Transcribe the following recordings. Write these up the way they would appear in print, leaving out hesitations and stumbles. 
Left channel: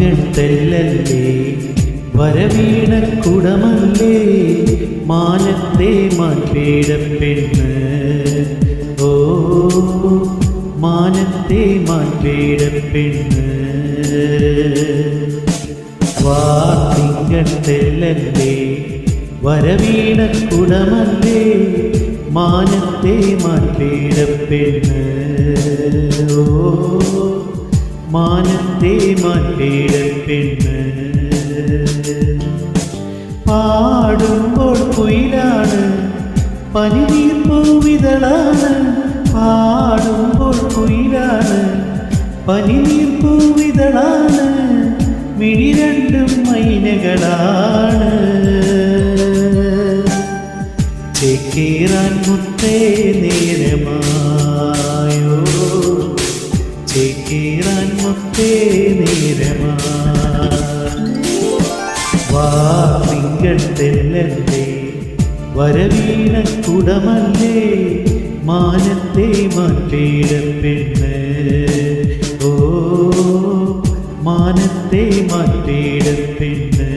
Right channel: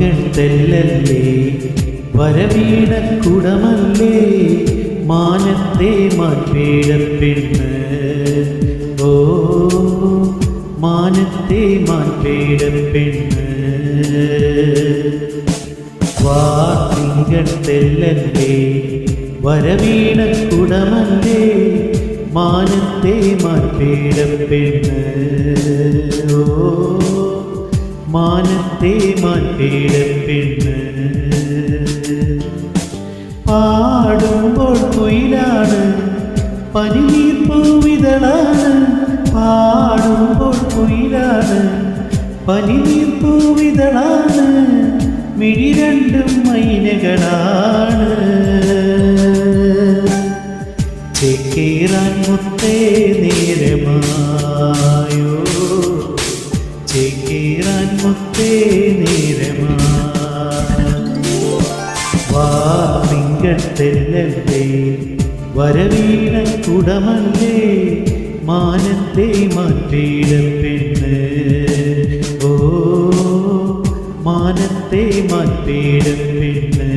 തിങ്കൾ തെല്ലല്ലേ വരവീണ കുടമല്ലേ മാനത്തെ മാൻപേടപ്പെണ്ണ് ഓ മാനത്തെ മാൻപേടപ്പെണ്ണ് തിങ്കൾ തെല്ലല്ലേ വരവീണ കുടമല്ലേ മാനത്തെ മാൻപേടപ്പെണ്ണ് ഓ മാനത്തെ മാൻപേടപ്പെണ്ണ് പാടുമ്പോൾ കുയിലാണ് പനിനീർ പൂവിതളാണ് പാടുമ്പോൾ കുയിലാണ് പനിനീർ പൂവിതളാണ് മിഴി രണ്ടും മൈനകളാണ് ചേക്കേറാൻ മുത്തേ നേരമായോ ചേക്കേറാൻ മുത്തേ നേരമാ തിങ്കൾ തെല്ലല്ലേ വരവീണ കുടമല്ലേ മാനത്തെ മാൻപേടപ്പെണ്ണ് ഓ മാനത്തെ മാൻപേടപ്പെണ്ണ്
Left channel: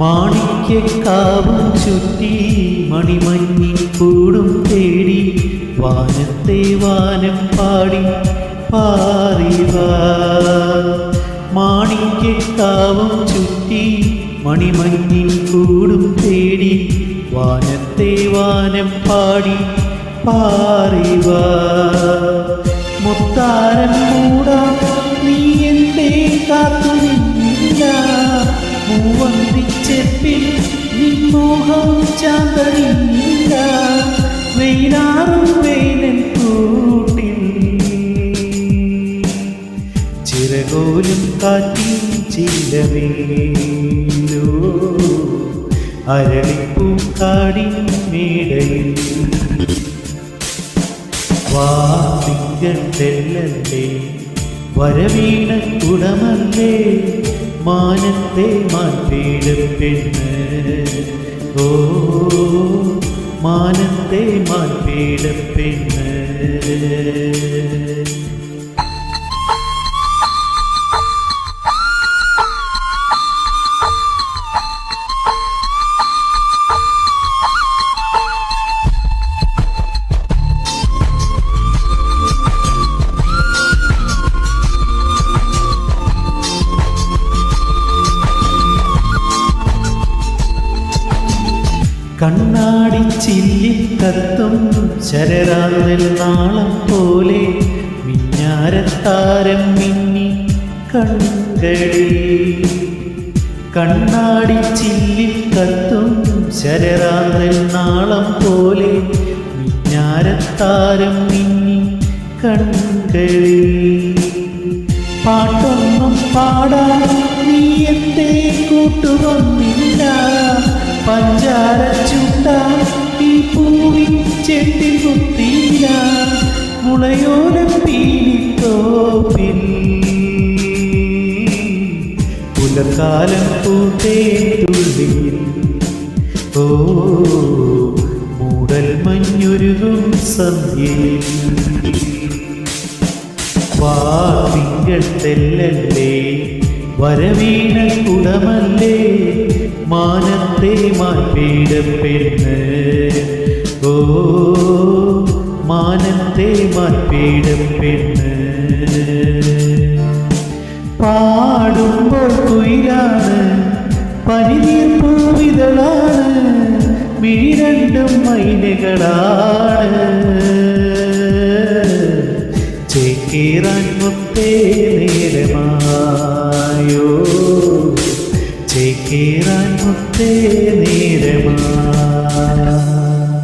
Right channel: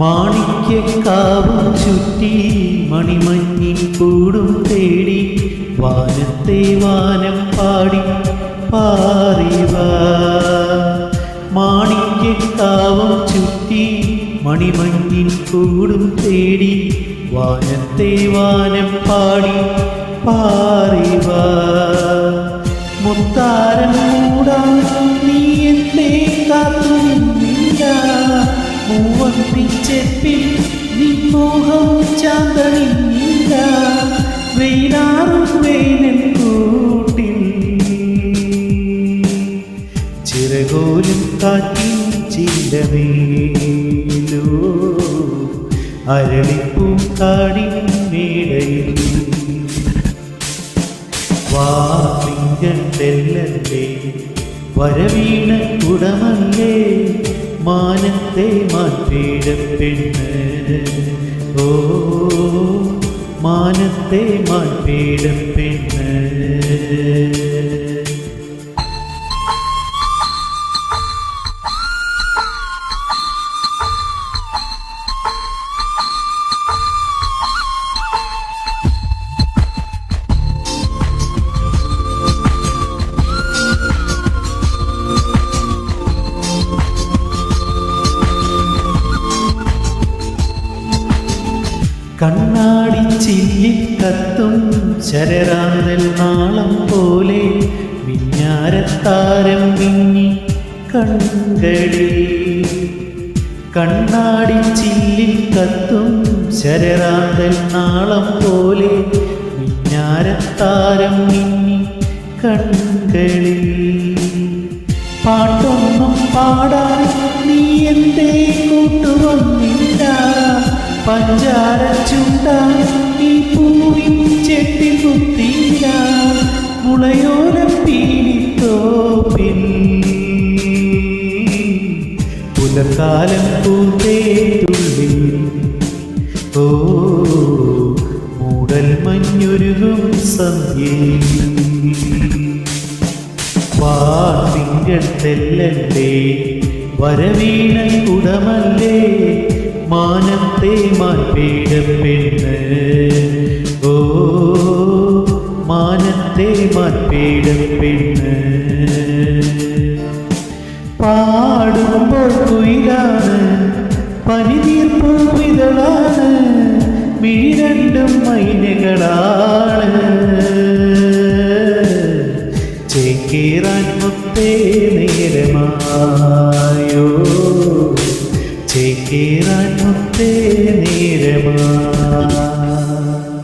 മാണിക്യക്കാവും ചുറ്റി മണിമഞ്ഞിൻ കൂടും തേടി വാനത്തെ വാനം പാടി പാറിവാ മാണിക്യക്കാവും ചുറ്റി മണിമഞ്ഞിൻ കൂടും തേടി വാനത്തെ വാനം പാടി പാറിവാ മുത്താരം മൂടാൻ നീ എന്തേ കാത്തു നിന്നില്ല മൂവന്തിച്ചെപ്പിൽ നിൻമോഹം ചാന്തണിഞ്ഞില്ല വെയിലാറും വേനൽ കൂട്ടിൽ ചിറകോലും കാറ്റിൻ ചില്ലമേലോ അരളിപ്പൂക്കാടിൻ മേടയിൽ തിങ്കൾ തെല്ലല്ലേ വരവീണ കുടമല്ലേ മാനത്തെ മാൻപേടപ്പെണ്ണ് ഓ മാനത്തെ മാൻപേടപ്പെണ്ണ് കണ്ണാടി ചില്ലിൽ കത്തും ശരറാന്തൽ നാളം പോലെ മിഞ്ഞാരത്താരം മിന്നി കൺകളിൽ കണ്ണാടി ചില്ലിൽ കത്തും ശരറാന്തൽ നാളം പോലെ മിഞ്ഞാരത്താരം മിന്നി കൺകളിൽ പാട്ടൊന്നും പാടാൻ നീ എന്തേ കൂട്ടുവന്നില്ല പഞ്ചാര ചുണ്ടാൻ ഈ പൂവിൻ ചെട്ടിൽ കുത്തീല മുളയോല പീലിത്തോപ്പിൽ പുലക്കാലം പൂത്തേ തുള്ളിയിൽ ഓ മൂടൽ മഞ്ഞുരുകും സന്ധ്യയിൽ തിങ്കൾ തെല്ലല്ലേ വരവീണ കുടമല്ലേ മാനത്തെ മാൻപേടപ്പെണ്ണ് ഓ മാനത്തെ മാൻപേടപ്പെണ്ണ് പാടുമ്പോൾ കുയിലാണ് പനിനീർ പൂവിതളാണ് മിഴി രണ്ടും മൈനകളാണ് ചേക്കേറാൻ മുത്തേ നേരമായോ ചേക്കേറാൻ മുത്തേ നേരമാ